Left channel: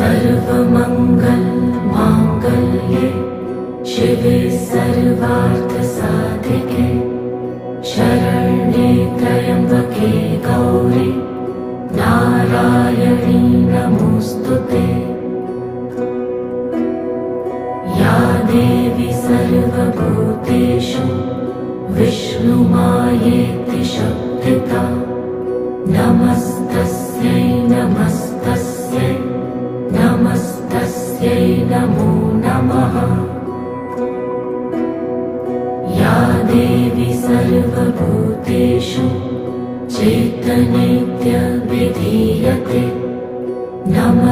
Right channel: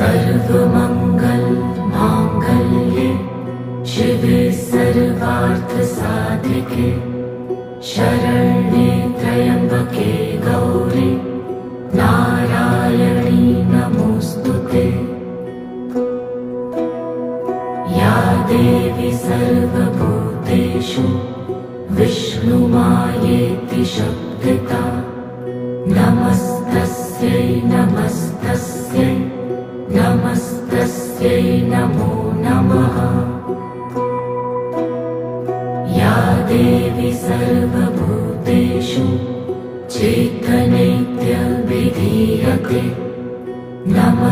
सर्वमंगल मांगल्ये शिवे सर्वार्थसाधिके शरण्ये त्र्यंबके गौरी नारायणी नमोस्तुते। या देवी सर्वभूतेषु विष्णुमायेति शक्तिता नमस्तस्यै नमस्तस्यै नमस्तस्यै नमो नमः। या देवी सर्वभूतेषु चैतन्यविधीयते नमः